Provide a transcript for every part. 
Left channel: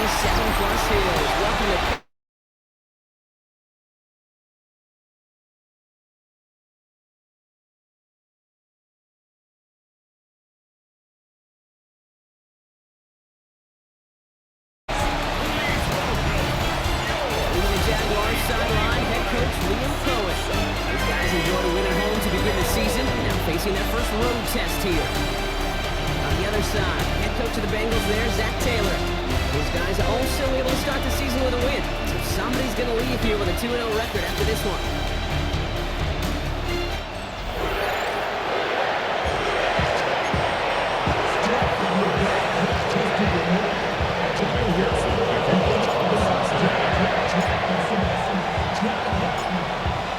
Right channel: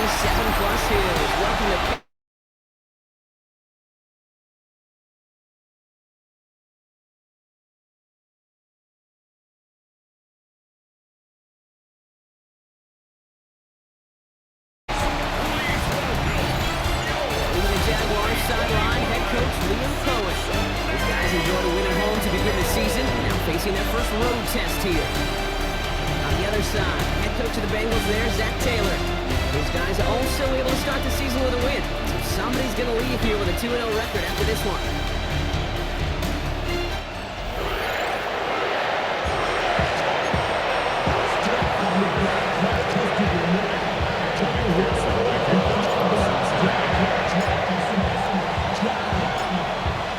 27+ hills. Welcome to Jaguars sideline, head coach Liam Cohen. These guys enjoyed a win at home to begin the season, now facing their first road test here. On the other side, head coach of the Bengals there, Zach Taylor. These guys are also able to start the season with a win, so somebody's going to leave here with a 2-0 record after this one.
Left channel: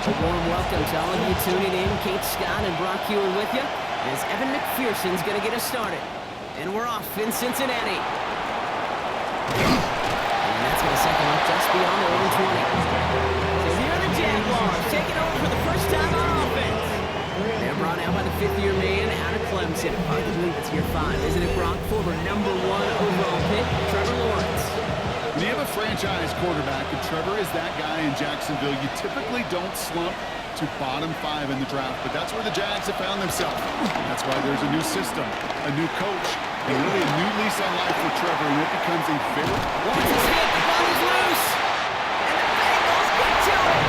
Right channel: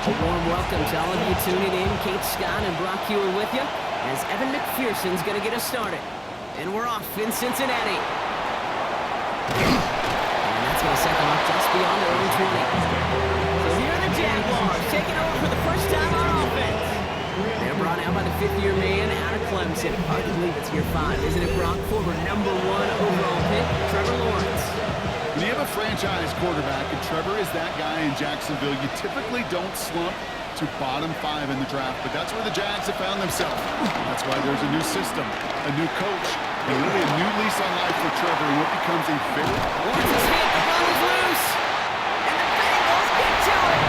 A warm welcome to all of you tuning in. Kate Scott and Brock Hewitt with you as Evan McPherson's going to get us started. And we're off in Cincinnati. And that's going to set them up just beyond their own 20. So here are the Jaguars taking over for the first time on offense. They're brought out by the fifth-year man out of Clemson. Hard to believe it's year 5, isn't it, Brock? Former #1 overall pick, Trevor Lawrence. When you have a franchise quarterback, and Trevor is that guy in Jacksonville, you typically don't slump to bottom 5 in the draft, but that's where the Jags have found themselves. That's why there's a new system, a new coach, and really a new lease on life for Trevor in what becomes a very... Lawrence's hit, the ball is loose, and the Bengals get to it.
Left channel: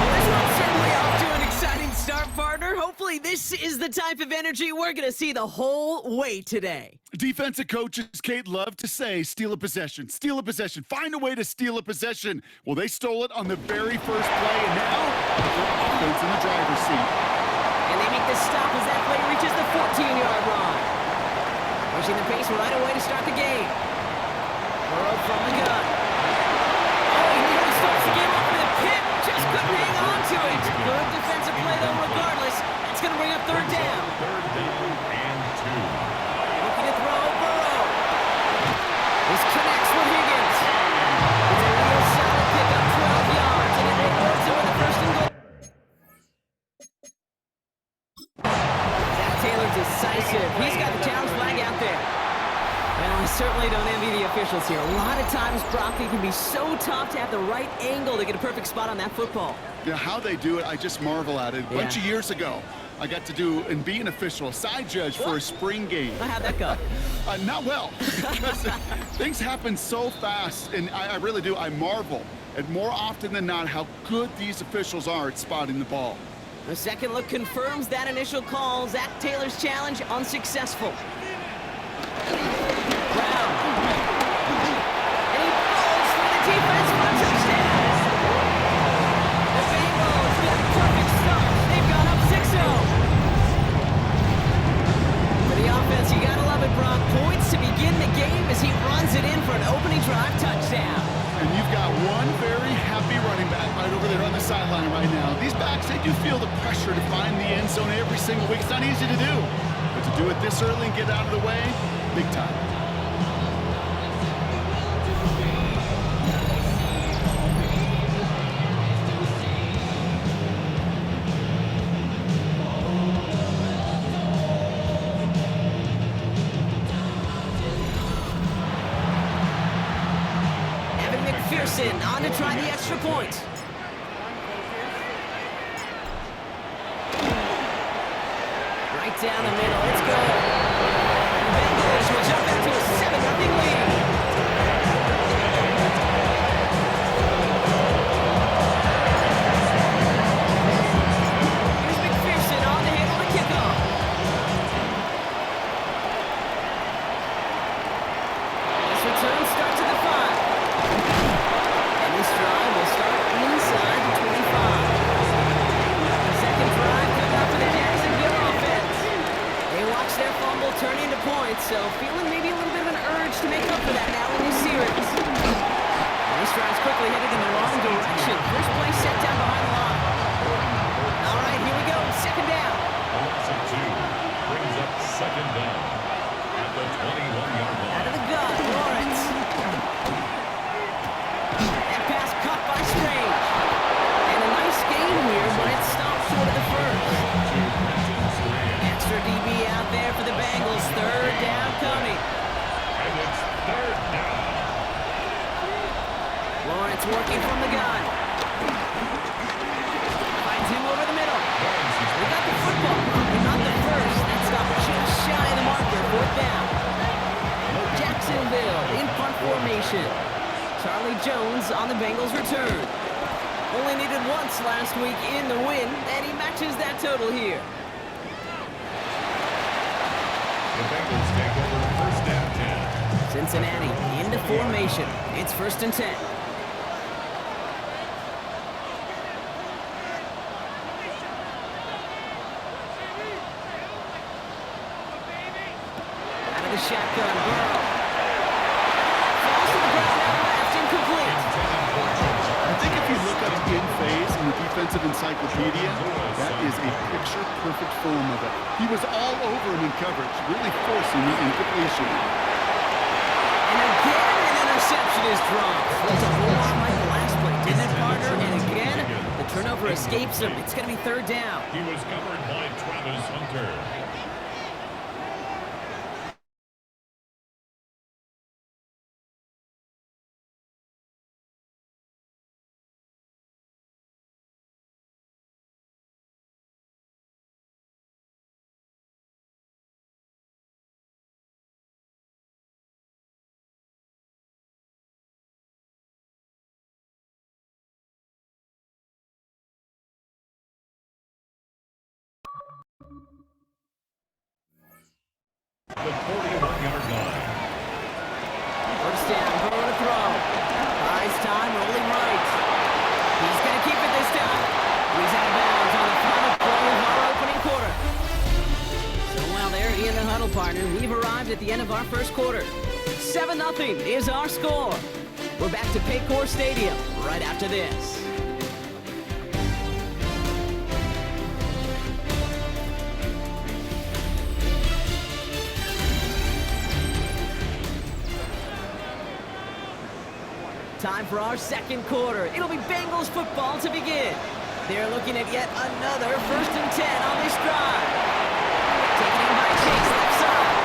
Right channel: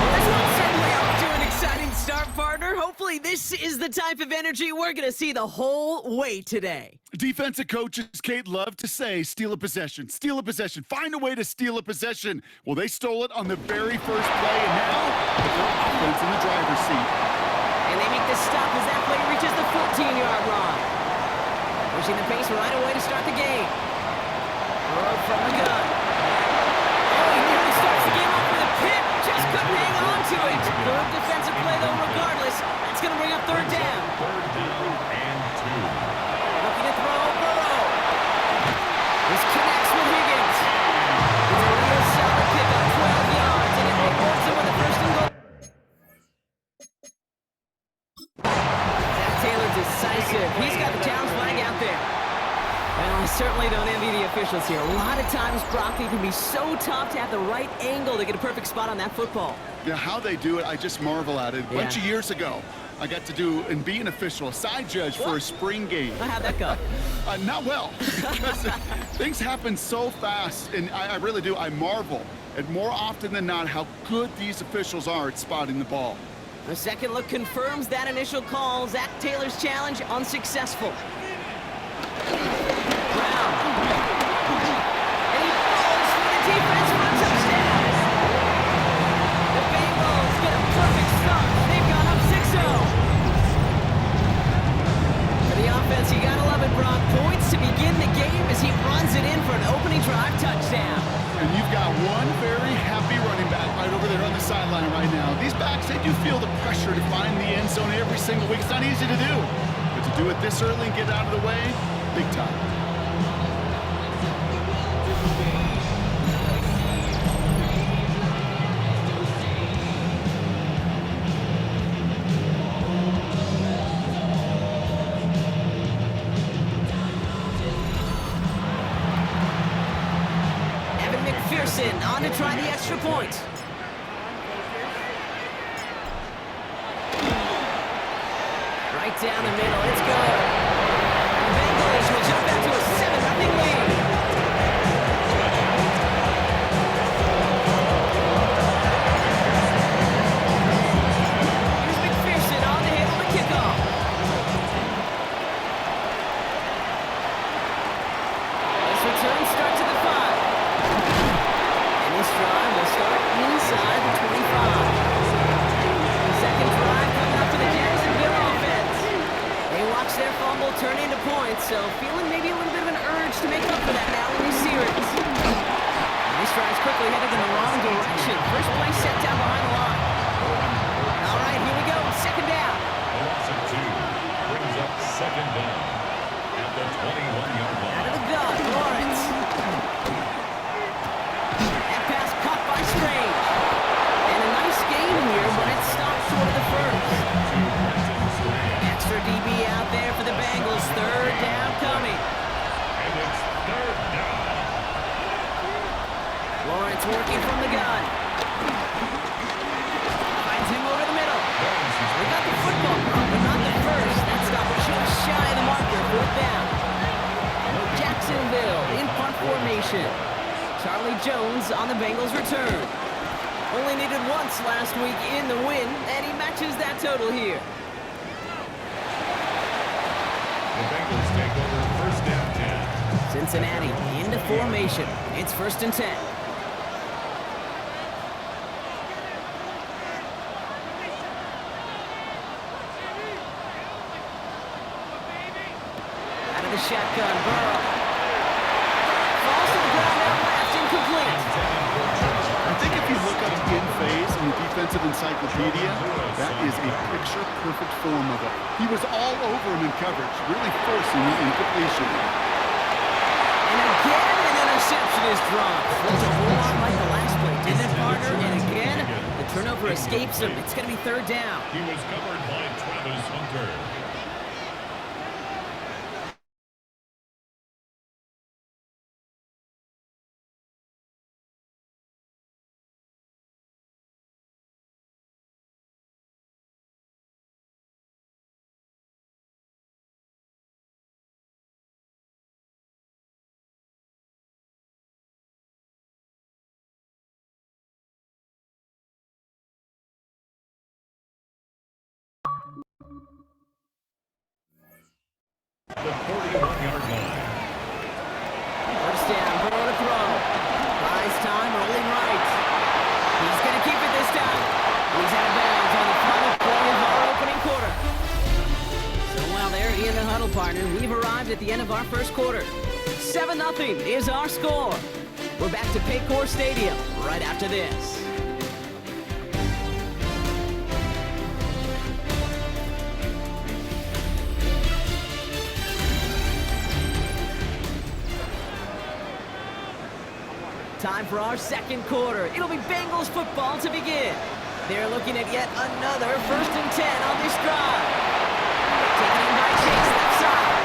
Well, this one's certainly off to an exciting start, partner. Hopefully this is the type of energy we're going to see the whole way today. Defensive coaches, Kate, love to say, steal a possession, find a way to steal a possession. Well, they stole it on the very first play, and now put their offense in the driver's seat. And they make the stop as that play reaches the 14-yard line. Pushing the pace right away to start the game. Throw from the gun. Oh, he nearly starts the game off with a pick. Just couldn't hang on to it. Good defensive play, though, regardless. That's going to bring up third down. Third down and 2. Looking to throw, Burrow. This connects with Higgins. It's a real solid pickup, 12 yards, and it rewards him with a first and goal. Zach Taylor decisive. He's got the challenge flag out there. Well, I certainly don't envy the officials here. A lot of times, Brock, it can be so tough to have the right angle to get a perfect spot on that football. Yeah, how they do it, I just marvel at it. A bunch of years ago, I got to do and be an official, a side judge for a spring game. How'd that go? Not well, because things happen so fast, and I really do. I marvel at more often than not how good these officials are at spotting the ball. A second look confirms that initial call. Zach Taylor's challenge unsuccessful. Brown. And he falls through the defense for a touchdown. The Bengals get a perfect start. They've gone up 6-0. For the offense, you gotta love it, Brock. Points to begin the game as he runs it in for an opening drive touchdown. And you've got one very happy running back right over there on the sideline right now. These backs, they do feel the pressure to find the end zone every single week. It's not easy to do. But to do it this early and get out of the way, big time. McPherson on to try the extra point. Right down the middle, it's good. And the Bengals will jump back to a 7-0 lead. Here's McPherson on to handle the kickoff. This return starts at the 5. This drive will start inside the 25. The second drive coming up for the Jacksonville offense. They watch their fumble turn into points, so feeling maybe a little bit of an urge to make up for that now in this series. And this drive's quickly headed in the wrong direction. First play set down behind the line. All right, here we go. Second down. A loss of 2 brings up second down at the 21-yard line. Out of the gun, Lawrence. Pass caught by Strange. And a nice game here, but it stopped short of the first. Extra DB out there for the Bengals. Third down coming. And it's third down. Lawrence working from the gun. Finds him over the middle. They got the football, but not the first. That stopped just shy of the marker. 4th down. Jacksonville in punt formation. Charlie Jones on the Bengals return. Only needed once last week in the win, and he matches that total here. The Bengals take over 1st and 10. Cincinnati into formation. It's 1st and 10. Out of the shotgun, Burrow. Falls to the ground out left, incomplete. I think if you look up in phase in the defensive encyclopedia, that is a picture-perfect form of it. He was all over him in coverage, really forcing the incompletion. And again, an interception is dropped. Looks a whole lot like the last play, didn't it, partner? And again, the turnover escapes him. It's going to be 3rd down. He was covered by Travis Hunter. The 41-yard line. 1st down, Burrow to throw. Buys time, rolling right. He's going to keep it this time. He's out of bounds on the final play of our opening quarter. So while they're in the huddle, partner, we've arrived at the end of our 1st quarter. 7-0 is our score. We're back to Paycor Stadium right after this. Time for our 2nd quarter. It'll be Bengals football to begin. They're looking at yet another 1st and 10 on this drive. Taken in by Chase, left side.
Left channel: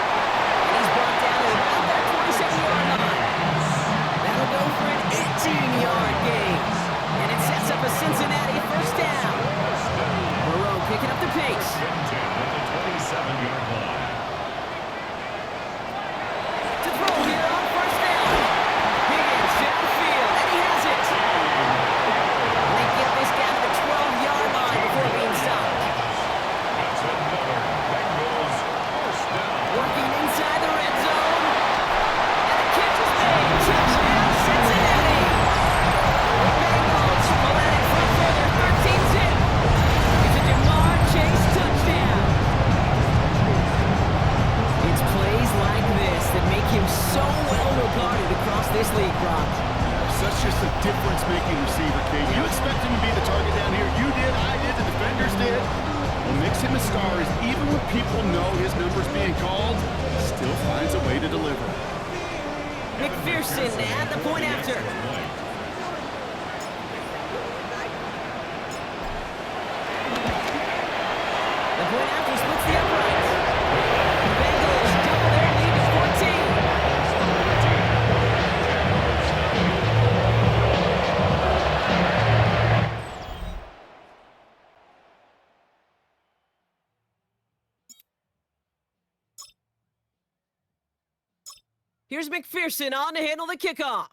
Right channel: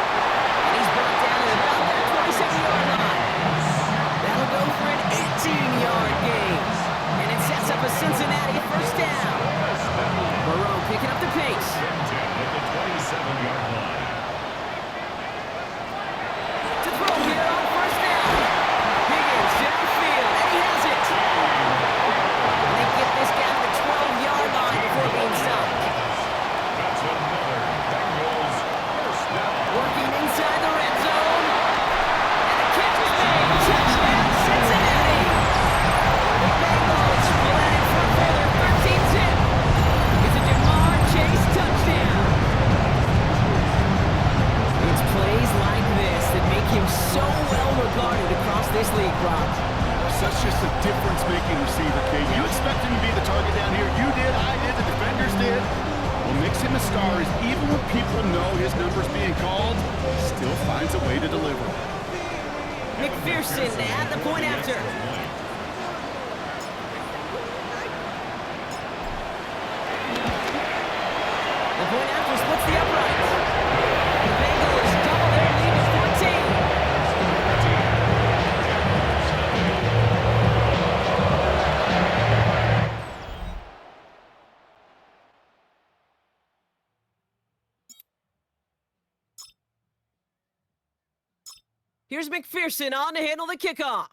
And he's brought down at about that 27-yard line. That'll go for an 18-yard gain. And it sets up a Cincinnati 1st down. Burrow picking up the pace. At the 27-yard line. To throw here on 1st down. Higgins downfield, and he has it. And they get this down to the 12-yard line before being stopped. That's another Bengals 1st down. Working inside the red zone. And the catch is made. Touchdown, Cincinnati. The Bengals pull out in front for their 13th hit. It's a Jamar Chase touchdown. It's plays like this that make him so well regarded across this league, Brock. Such just a difference-making receiver, Kate. You expect him to be the target down here. You did, I did, the defenders did. What makes him a star is even when people know his number's being called, still finds a way to deliver. McPherson at the point after. The point after splits the uprights. The Bengals double their lead to 14. Here's McPherson on to handle the kickoff.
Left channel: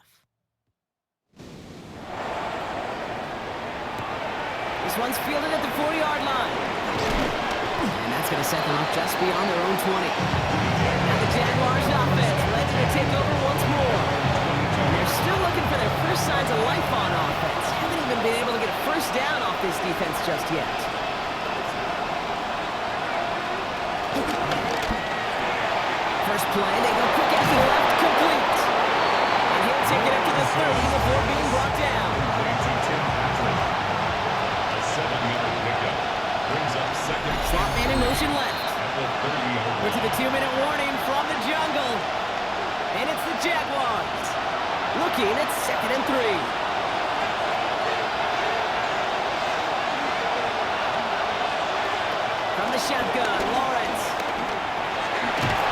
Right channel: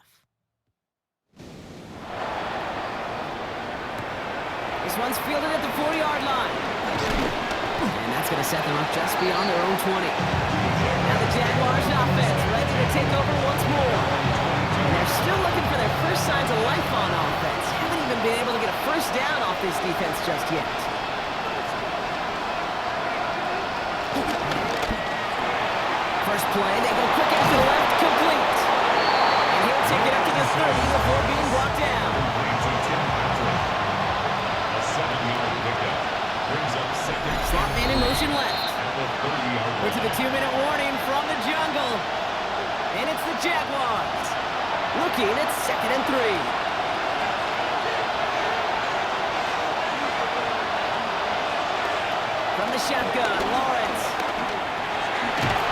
This one's fielded at the 40-yard line. And that's going to set them up just beyond their own 20. Now the Jaguars offense ready to take over once more. And they're still looking for their first signs of life on offense. Haven't even been able to get a 1st down off this defense just yet. First play, they go quick after the left, complete. And he'll take it up to the 30 before being brought down. A 7-yard pickup brings up 2nd. Slot man in motion left. At the 30-yard line. We're to the 2-minute warning from the jungle. And it's the Jaguars. Looking at 2nd and 3. From the shotgun, Lawrence.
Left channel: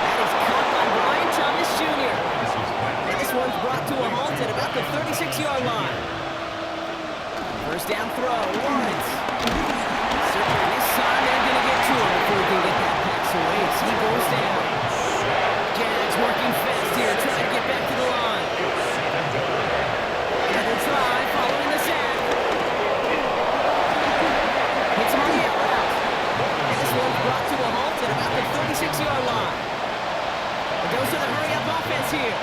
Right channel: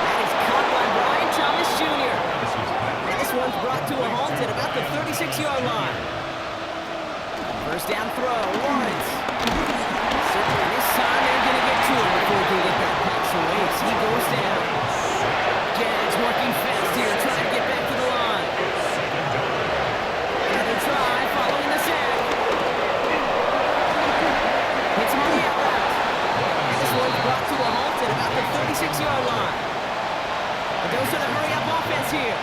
That is caught by Brian Thomas Jr. And this one's brought to a halt at about the 36-yard line. First down throw, Lawrence. Certainly this time they're going to get to him before he can get that pass away as he goes down. Jags working fast here, trying to get back to the line. Another try following the sack. Hits him on the out route. And this one's brought to a halt at about the 36-yard line. It goes to the hurry-up offense here.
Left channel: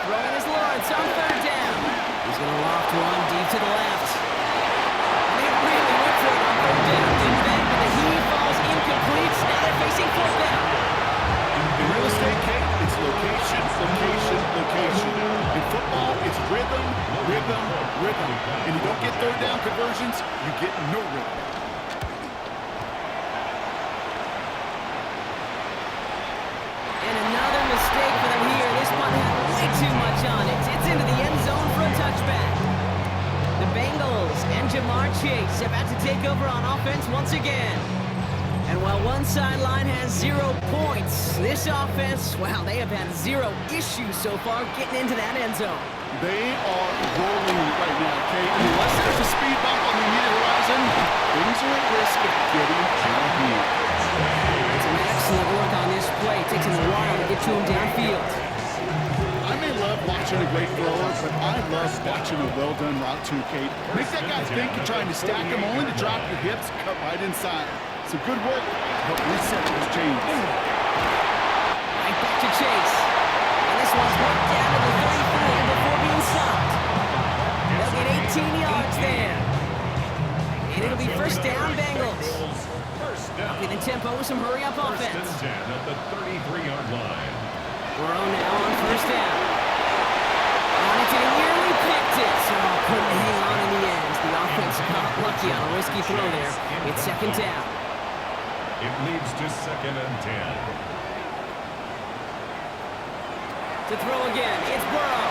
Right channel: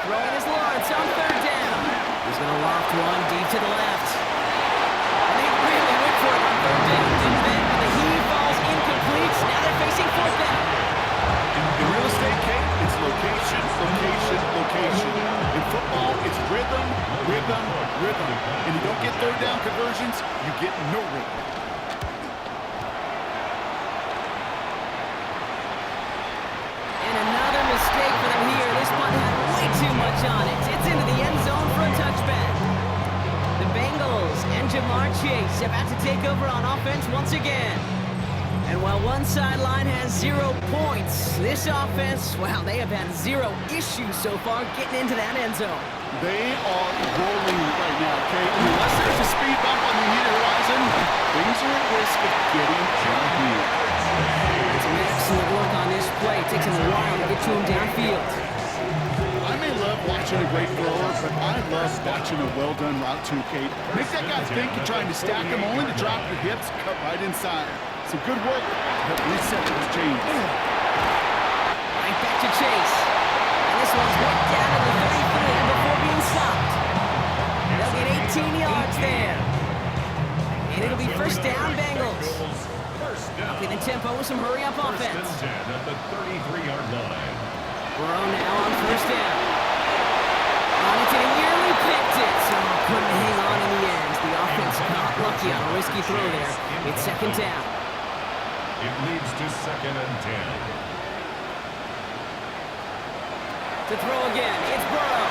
Throwing is Lawrence on third down. He's going to loft one deep to the left. And they really went for it on third down, didn't they? But the heave falls incomplete. Now they're facing fourth down. In real estate, Kate, it's location, location, location. In football, it's rhythm, rhythm, rhythm. And you don't get third down conversions, you get no rhythm. And another mistake for them here. This punt had way too much on it. It's into the end zone for a touchback. The Bengals and Jamar Chase about to take over on offense once again. And while one sideline has 0 points, this offense, wow, they have had 0 issues so far getting into that end zone. They are rolling right now, Kate. Unless there's a speed bump on the immediate horizon, things are at risk of getting downfield. Some excellent work on this play. It takes him a while to get to him downfield. I may love watching a great thrower, but I love watching a well-done route too, Kate. Make that guy think you're trying to stack him only to drop your hips, cut right inside. Some good work to help reset those chains. Right back to Chase. And this one's worked down to the 33 before being stopped. They'll get 18 yards there. And it'll be first down, Bengals. Upping the tempo with some hurry-up offense. First and 10 at the 33-yard line. Burrow now on first down. On it, and he nearly picked it. So couldn't hang on in the end. The offense got lucky on a risky throw there. It's second down. It leads to second and 10. To throw again, it's Burrow.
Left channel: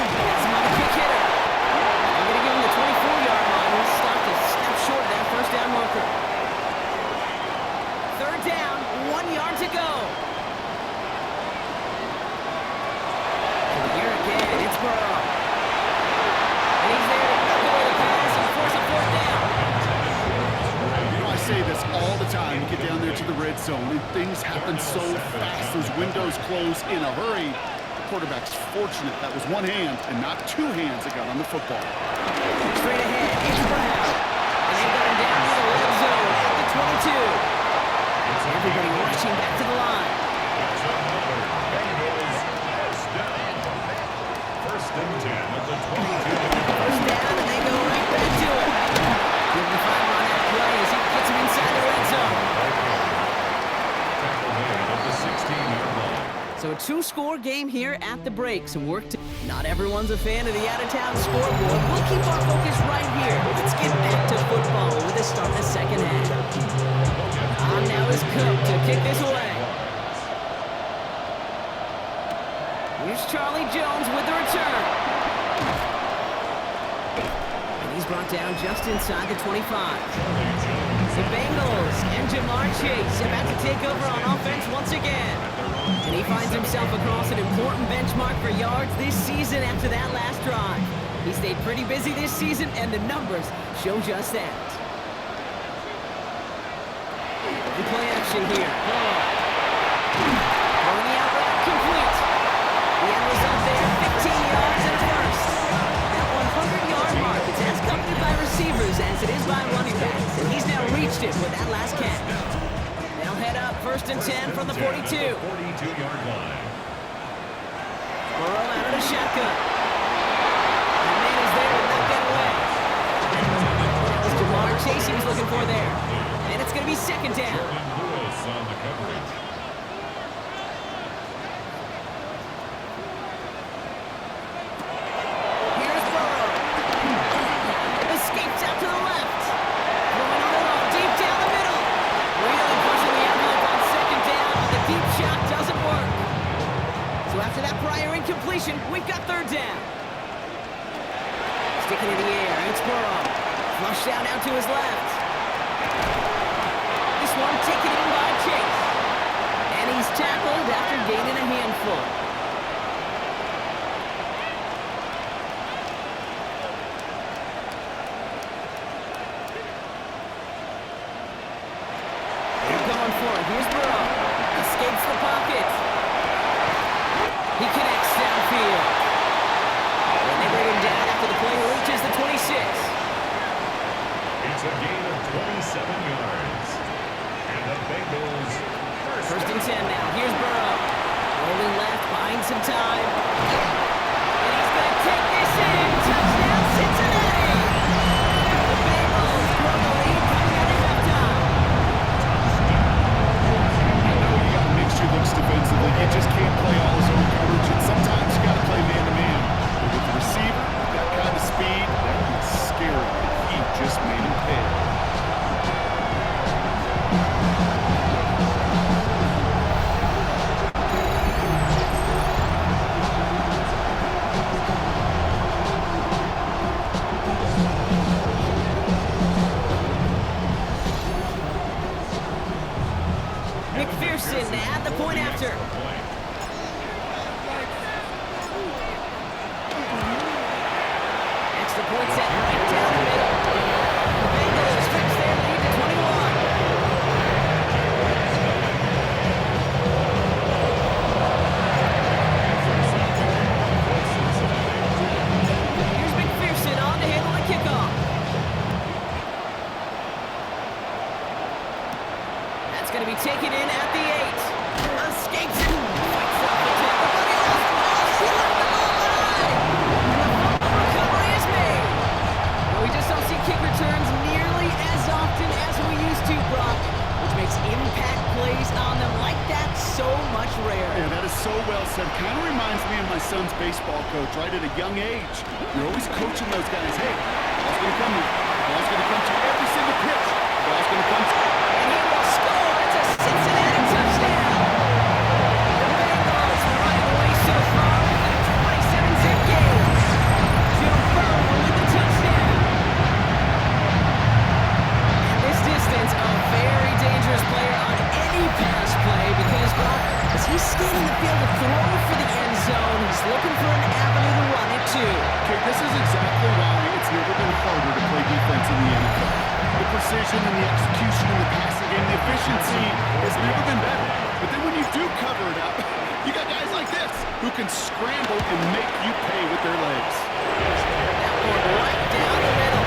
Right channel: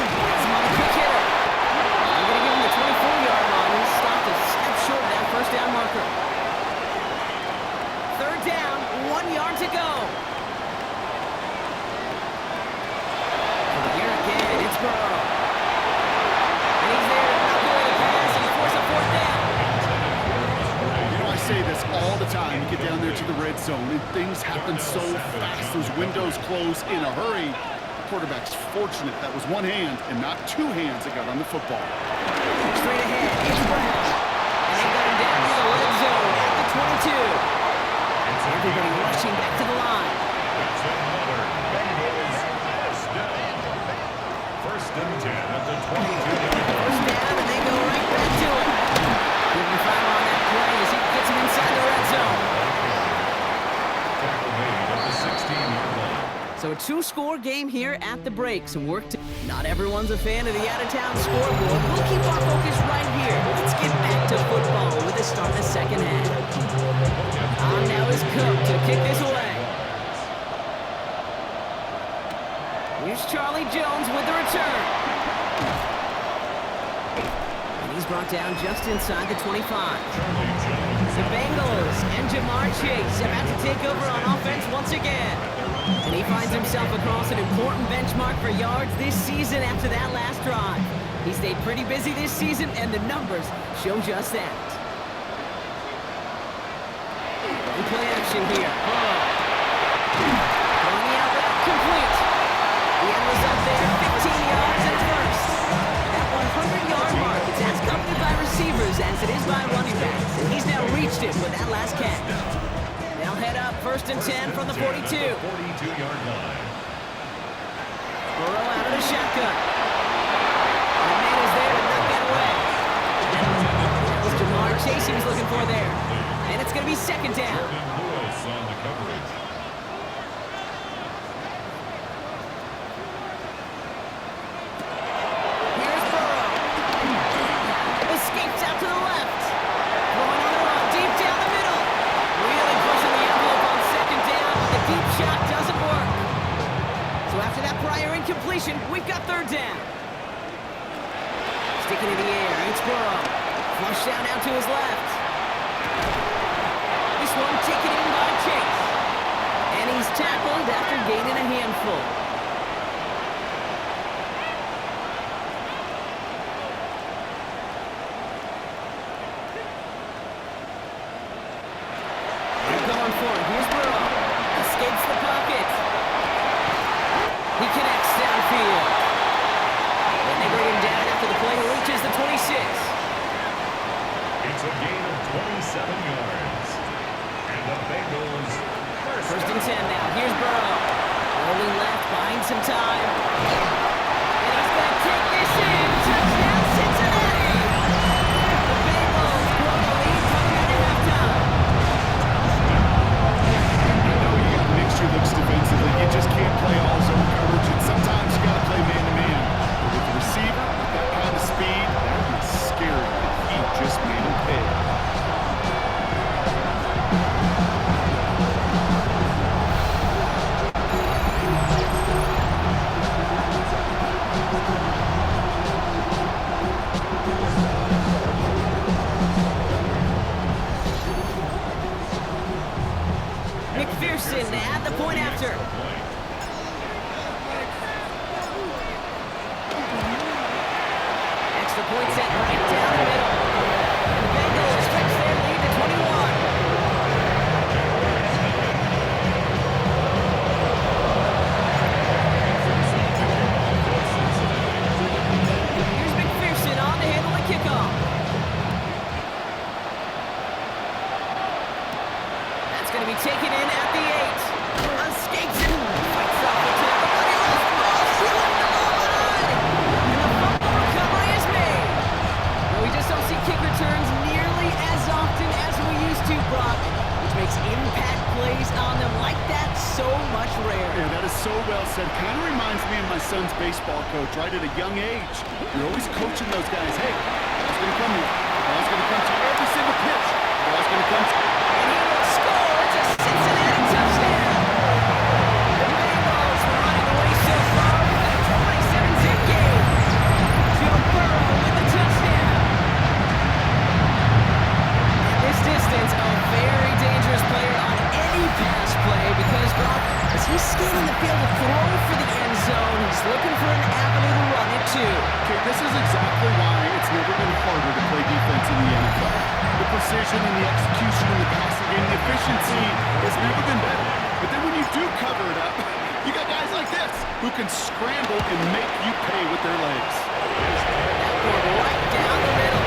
That's another quick hitter. I'm going to give him the 24-yard line. He stopped a step short of that first down marker. Third down, 1 yard to go. And here again, it's Burrow. And he's there to knock away the pass and force a fourth down. I say this all the time. You get down there to the red zone, and things happen so fast. Those windows close in a hurry. The quarterback's fortunate that was one hand and not two hands that got on the football. Straight ahead, it's Brown. And they've got him down to the red zone at the 22. Everybody rushing back to the line. It's another Bengals first down. First and 10 at the 22. First down, and they go right back to it. Give him 5 on that play as he gets him inside the red zone. Tackle made at the 16-yard line. So a 2-score game here at the break. Some work to... Not everyone's a fan of the out-of-town scoreboard. We'll keep our focus right here. Let's get back to football with a start in the second half. On now is Cook to kick this away. Here's Charlie Jones with the return. And he's brought down just inside the 25. The Bengals and Jamar Chase about to take over on offense once again. And he finds himself across an important benchmark for yards this season after that last drive. He stayed pretty busy this season, and the numbers show just that. Play action here. Throwing the out route complete. The end result there, 15 yards and a first. That 100-yard mark is as accompanied by receivers as it is by running backs, and he's now reached it with that last catch. They'll head up first and 10 from the 42. 42-yard line. Burrow out of the shotgun. And man is there to knock that away. That was Jamar Chase he was looking for there. And it's going to be second down. Lewis on the coverage. Here's Burrow. Escapes out to the left. Throwing on the run, deep down the middle. Really pushing the envelope on second down, but the deep shot doesn't work. So after that prior incompletion, we've got third down. Sticking in the air, it's Burrow. Flush down out to his left. This one taken in by Chase. And he's tackled after gaining a handful. They're going for it. Here's Burrow. Escapes the pocket. He connects downfield. And they bring him down after the play reaches the 26. It's a gain of 27 yards. And the Bengals First and 10 now. Here's Burrow. Rolling left, buying some time. And he's going to take this in. Touchdown, Cincinnati! The Bengals grow the lead coming out of halftime. I know you got mixture looks defensively. You just can't play all zone coverage, and sometimes you got to play man-to-man. But with the receiver, with that kind of speed, that is scary. He just made him pay. McPherson at the point after. Extra point set right down the middle. And the Bengals stretch their lead to 21. Here's McPherson on to handle the kickoff. That's going to be taken in at the 8. Escapes it. Fights off the tackle, but he lost the ball. He left the ball behind. And the fumble recovery is made. No, we just don't see kick returns nearly as often as we used to, Brock, which makes impact plays on them like that so much rarer. Yeah, that is so well said. Kind of reminds me of my son's baseball coach, right at a young age. You're always coaching those guys. Hey, ball's going to come to you. Ball's going to come to you every single pitch. Ball's going to come to you. And he will score. It's a Cincinnati touchdown. The Bengals were running away so far with a 27-zip game. Joe Burrow with the touchdown. And this distance, a very dangerous player on any pass play because, Brock, as he's scanning the field to throw for the end zone, he's looking for an avenue to run it to. Okay, this is exactly why it's never been harder to play defense in the NFL. The precision and the execution in the passing game, the efficiency has never been better. But then when you do cover it up, you got guys like this who can scramble and make you pay with their legs. That one right down the middle.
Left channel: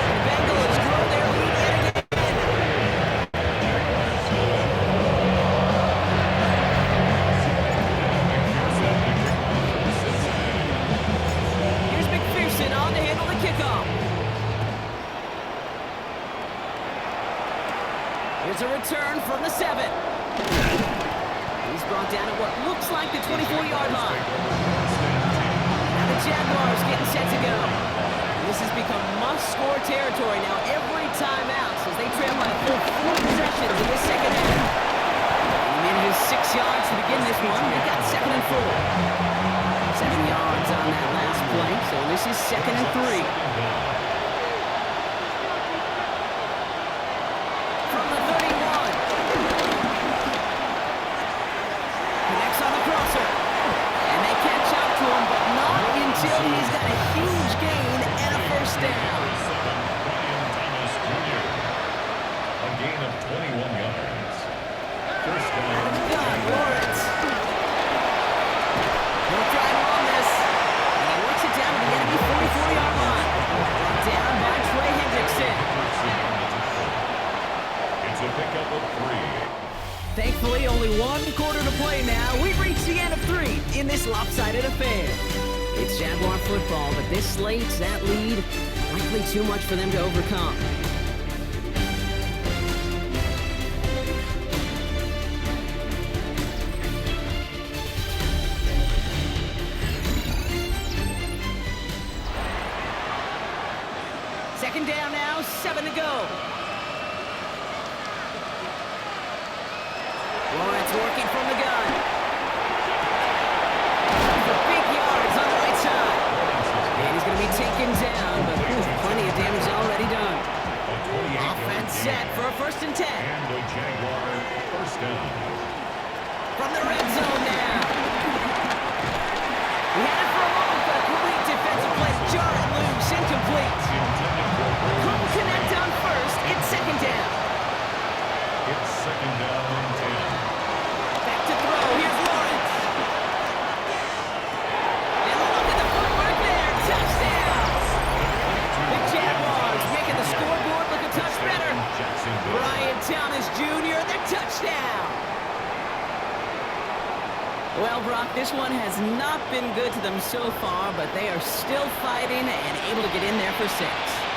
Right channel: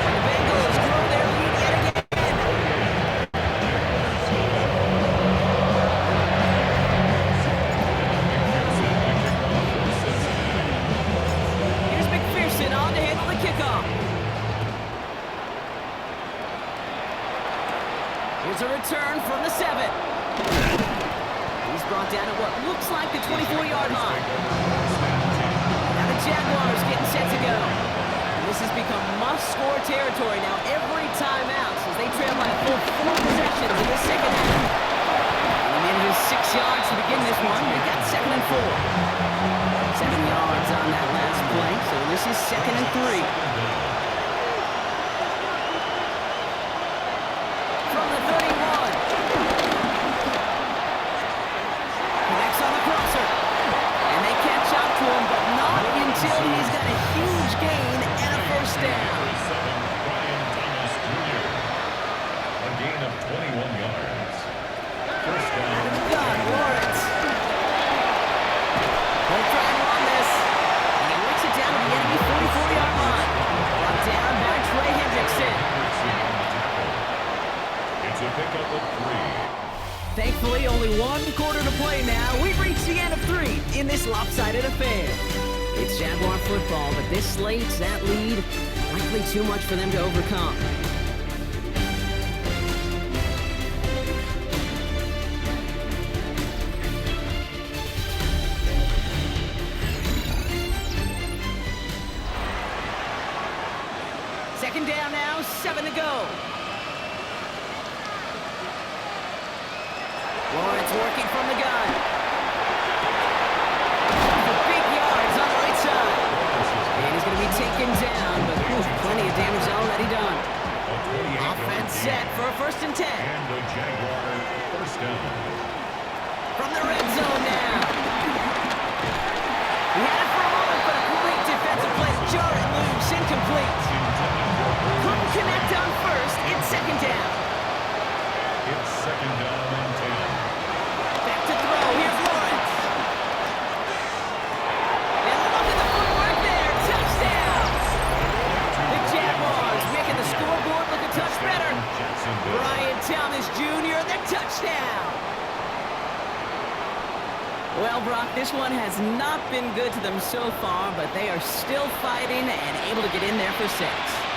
The Bengals grow their lead yet again. Here's McPherson on to handle the kickoff. Here's a return from the 7. He's brought down at what looks like the 24-yard line. Now the Jaguars getting set to go. This has become must-score territory now every time out since they trail by a full 4 possessions in this second half. And he manages 6 yards to begin this one. They got 2nd and 4. 7 yards on that last play, so this is 2nd and 3. From the 31. Connects on the crosser. And they catch up to him, but not until he's got a huge gain and a first down. A gain of 21 yards. First Out down. of the gun, Lawrence. He'll try and run this. And he works it down to the enemy 44-yard line. Brought down by Trey Hendrickson. It's a pickup of 3. Thankfully, only 1 quarter to play now. We've reached the end of 3 in this lopsided affair. It's Jaguar football, but this slates that lead likely too much for them to overcome. Second down now, 7 to go. Lawrence working from the gun. For big yards on the right side. And he's going to be taken down, but plenty of damage already done. Offense set for a 1st and 10. And the Jaguar first down. From the red zone now. He had it for a moment, but a great defensive play to jar it loose. Incomplete. Couldn't connect on first. It's second down. It's second down and 10. Back to throw. Here's Lawrence. And look at the footwork there. Touchdown. The Jaguars making the scoreboard look a touch better. Brian Thomas Jr., the touchdown. Well, Brock, this one has not been good to them so far, but they are still fighting and able to get in there for 6.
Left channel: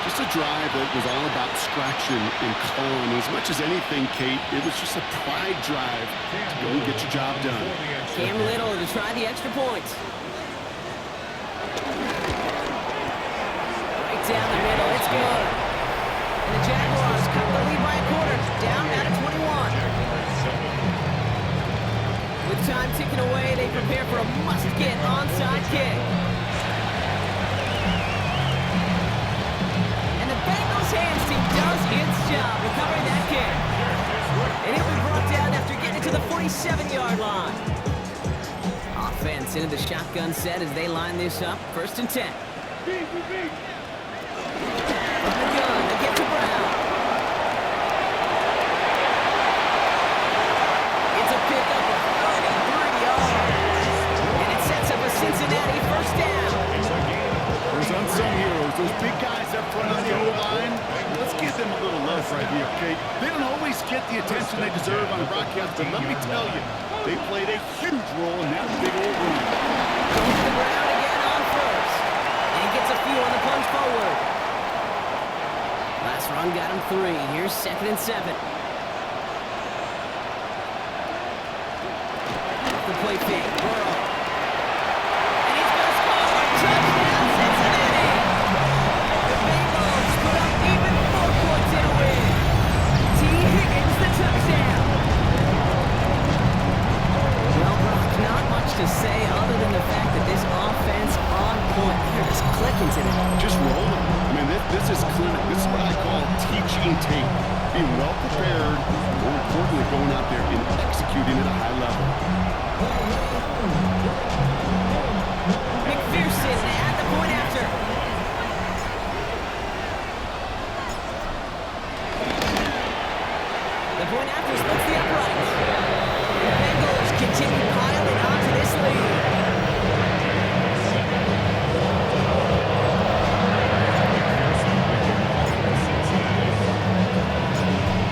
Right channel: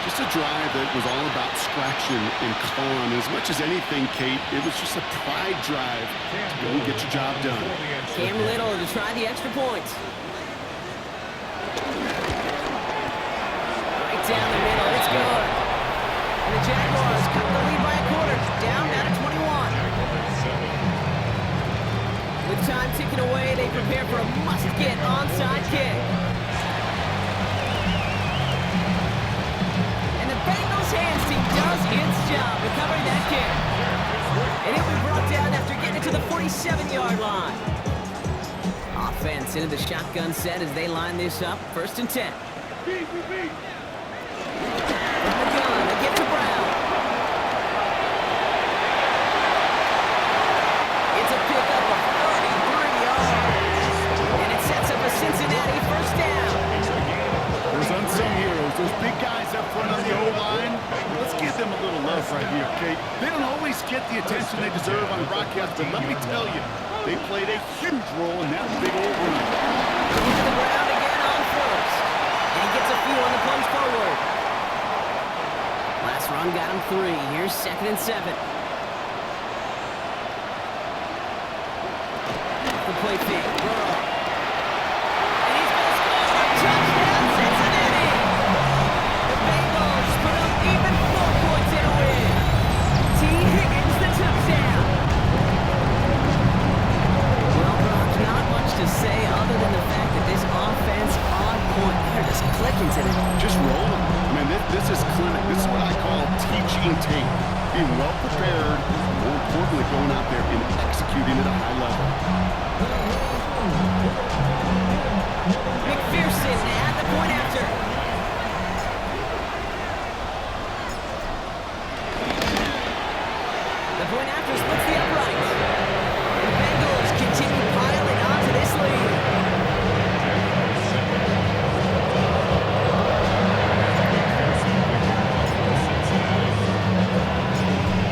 Just a drive that was all about scratching and clawing. As much as anything, Kate, it was just a pride drive to go and get your job done. Cam Little to try the extra point. Right down the middle, it's good. And the Jaguars cut the lead by a quarter, down now to 21. With time ticking away, they prepare for a must-get onside kick. And the Bengals hands team does its job recovering that kick. And it'll be brought down after getting it to the 47-yard line. Offense into the shotgun set as they line this up. 1st and 10. From the gun, they get to Brown. It's a pickup of 33 yards. And it sets up a Cincinnati 1st down. Those unsung heroes, those big guys up front on the O-line, let's give them a little love right here, Kate. They don't always get the attention they deserve on the broadcast, but let me tell you, they played a huge role in that big old run. Going to the ground again on 1st. And he gets a few on the plunge forward. Last run got him 3. Here's 2nd and 7. The play fake, Burrow. And he's going to score! Touchdown, Cincinnati! The Bengals put up even 4 points in a win. T. Higgins, the touchdown. Well, Brock, not much to say other than the fact that this offense on point. They're just clicking today. Just rolling. I mean, this is clinic. This is what I call teaching tape. Being well prepared, more importantly, going out there and executing at a high level. McPherson at the point after. The point after splits the upright. The Bengals continue piling onto this lead.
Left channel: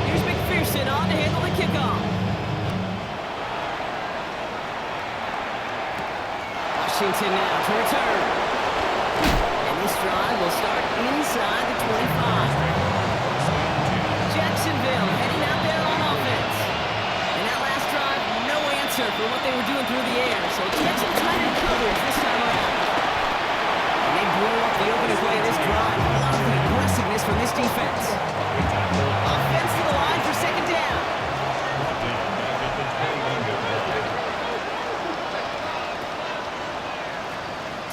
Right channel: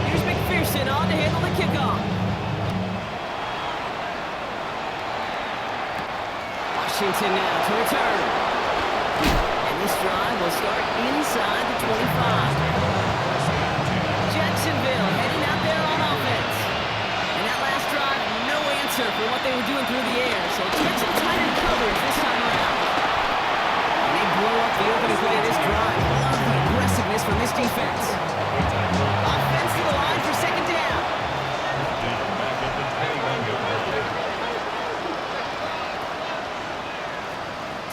Here's McPherson on to handle the kickoff. Washington now to return. And this drive will start inside the 25. Jacksonville heading out there on offense. And that last drive, no answer for what they were doing through the air. So expect some tighter coverage this time around. And they blow up the opening play of this drive. Love the aggressiveness from this defense. Offense to the line for 2nd down.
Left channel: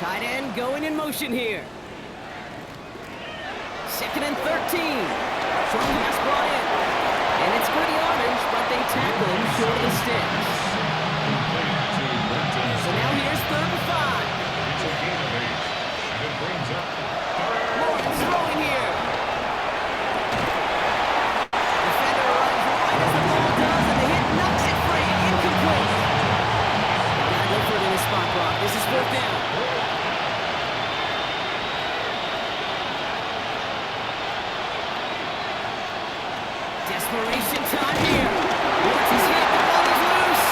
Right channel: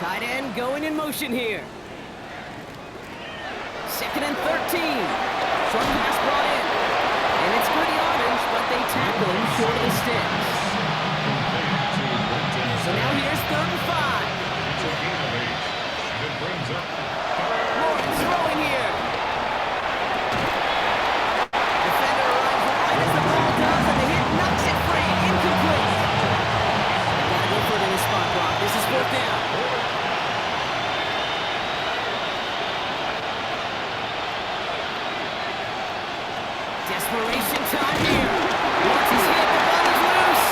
Tight end going in motion here. 2nd and 13. Short pass brought in. And it's good yardage, but they tackle him short of the sticks. So now here's 3rd and 5. Lawrence throwing here. Defender arrives right as the ball does, and the hit knocks it free. Incomplete. Gotta go for it in this spot, Brock. This is 4th down. Desperation time here. Lawrence is hit, the ball is loose.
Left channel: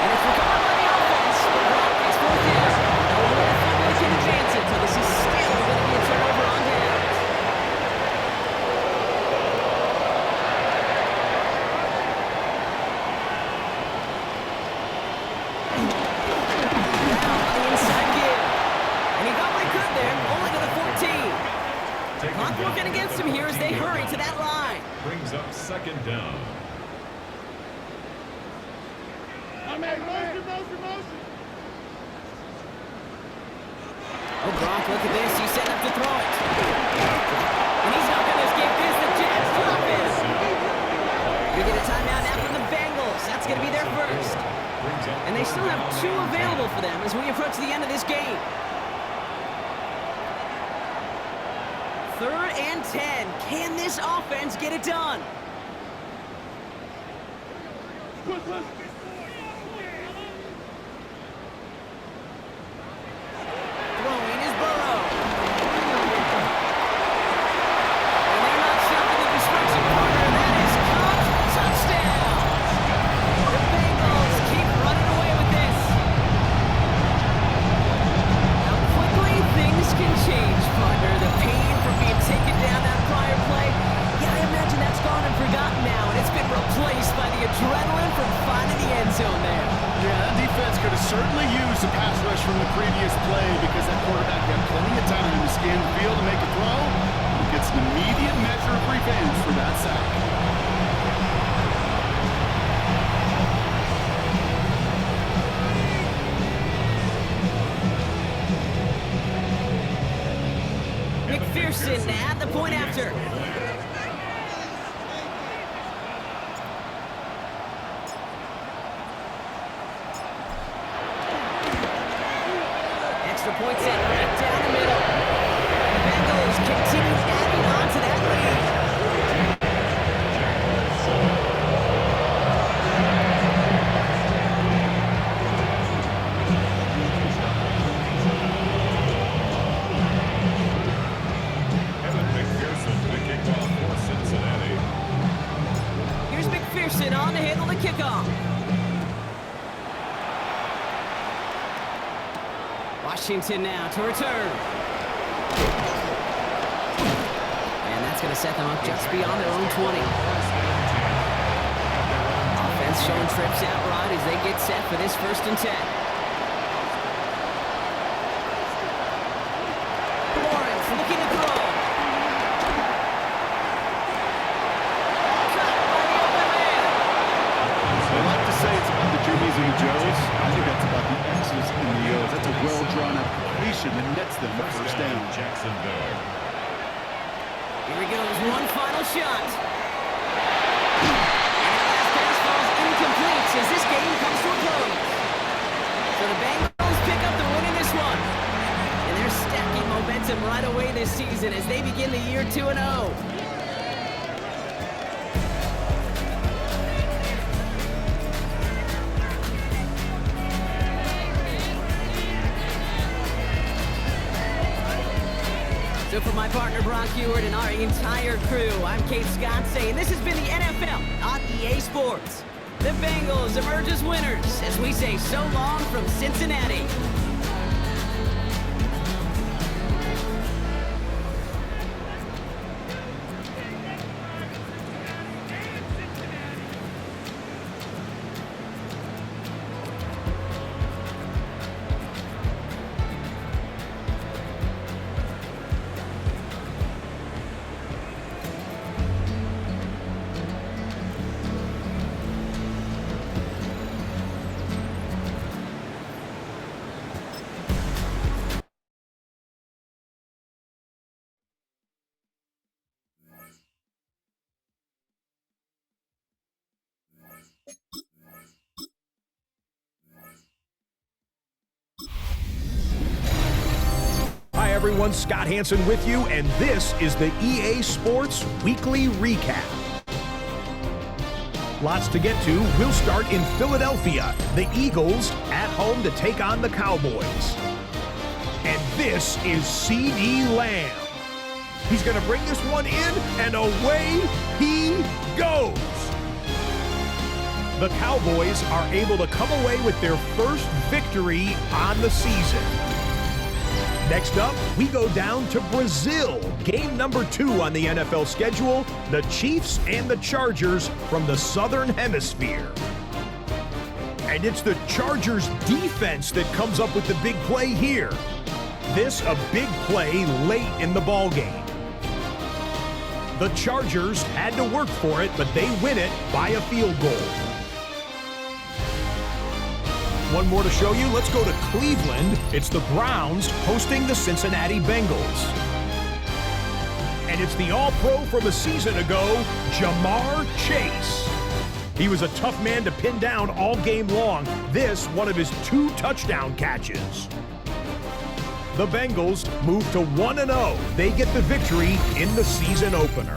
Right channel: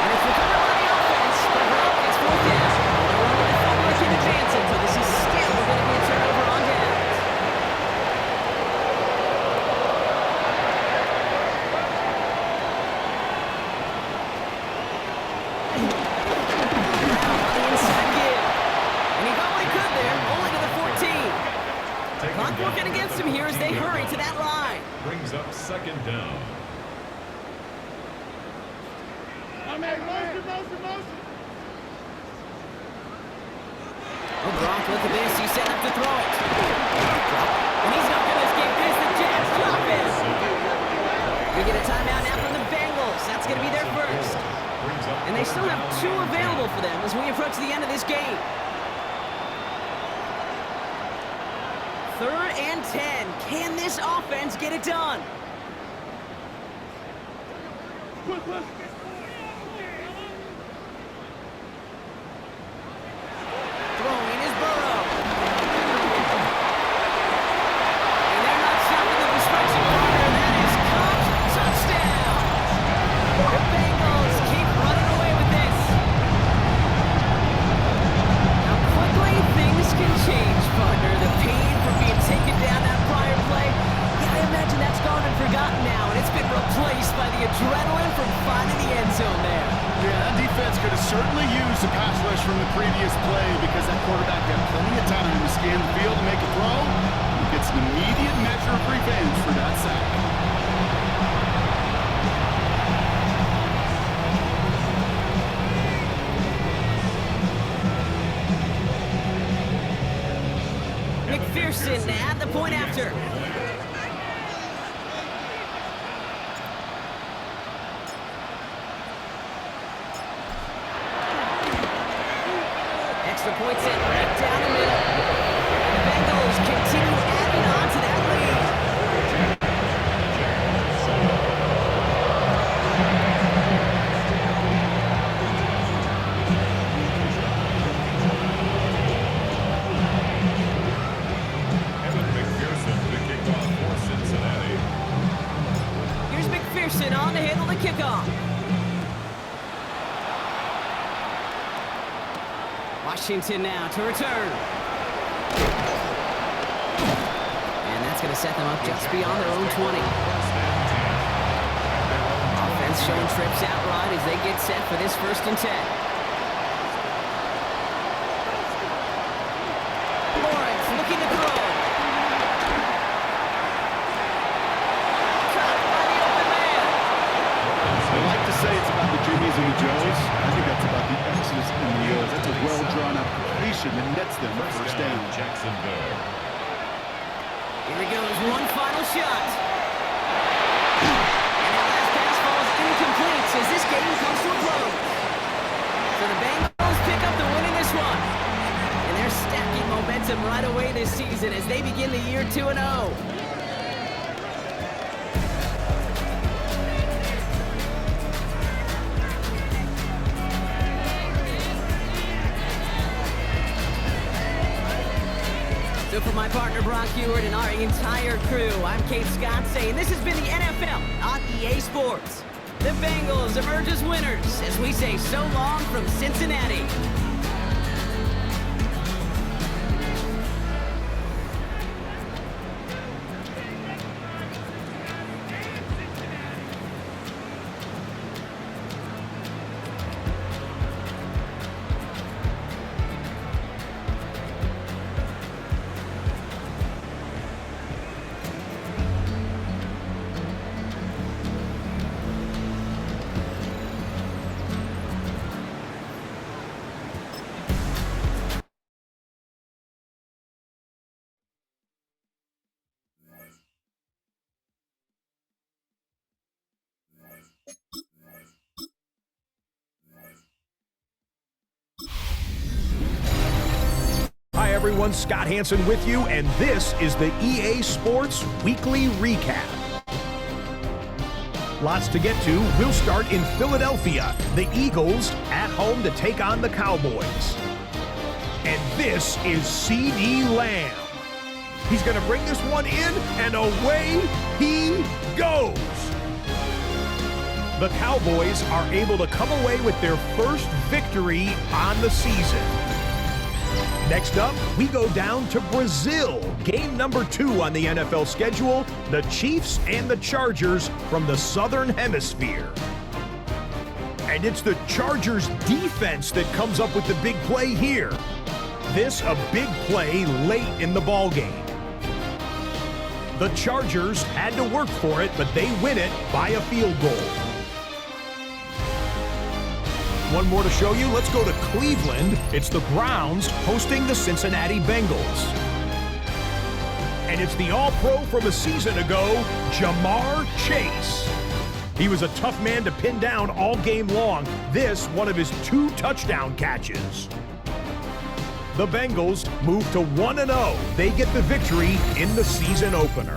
And it's recovered by the offense. But Brock, it's 4th down. No one with a fumble can advance it, so this is still going to be a turnover on downs. Brown on the inside give. And he got what he could there, only to the 14. Clock working against him here as they hurry to that line. Brings up 2nd down. Oh, Brock, look at this. He's set up to throw it. And he's not going to escape this. The Jets drop it. We get a timeout now from the Bengals. That's going to be their first. Brings up And they third still have down 2 and 10. available for them as we approach the end of this game. 3rd and 10. Can this offense get it done? Throwing is Burrow. And they're not stopping the destruction partner. That is caught. Touchdown. The Bengals keep running away with this. How quickly things can change, partner. The pain from being taken down that prior play, yeah, I imagine that's gone and forgotten now, and it's been replaced by the adrenaline from finding the end zone there. Yeah, that defense could have certainly used a pass rush from the previous play because that quarterback had plenty of time to scan the field and make a throw. He gets an immediate measure of revenge for that sack. McPherson at the point after. Extra point set right down the middle. And the Bengals continue adding on to that lead. Evan McPherson to kick off for Cincinnati. Here's McPherson on to handle the kickoff. Washington now to return. And that's going to set them up just beyond their own 20. First and 10 at their own 20. Offense showing trips out right as they get set for this 1st and 10. Lawrence looking to throw. Caught by the open man. They like to say it's about the Jimmies and the Joes. I think that's about the X's and the O's. That's a well-drawn-up completion that nets them a first down. Jacksonville. Here he goes, one final shot. And that last pass falls incomplete as this game comes to a close. So the Bengals pick up the win in this one. And they're stacking momentum right away this season as they begin the year 2-0. So for my partner Brock Ewart and our entire crew, I'm Kate Scott saying this has been the NFL on EA Sports. The Bengals emerge as winners as we say so long from Cincinnati. Hi everyone, Scott Hansen with you, and this is the EA Sports Weekly Recap. Lots to get to. We'll start in Philadelphia. The Eagles at home to take on the Cowboys. And this is C.D. Lamb. He's going to bring this one in, and away he goes. The Cowboys are able to come away with their first victory on the season. Next up, we go down to Brazil. Game number 2 on the NFL schedule, the Chiefs and the Chargers from the Southern Hemisphere. And it's the Chargers defense that comes up with the big play here. This a big play late in the ballgame. The Chargers had to work for it, but they win it by a field goal. One more to show you. Let's go to Cleveland. It's the Browns hosting the Cincinnati Bengals. And it's the All-Pro from a season ago, Jamar Chase. He was a tough man to pin down all game long. This, one of his 2 touchdown catches. The Bengals move to 1-0. They get the victory in the season opener.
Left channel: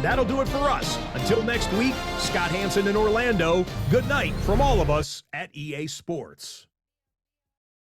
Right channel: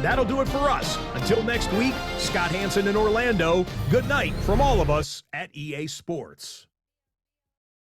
That'll do it for us. Until next week, Scott Hansen in Orlando, good night from all of us at EA Sports.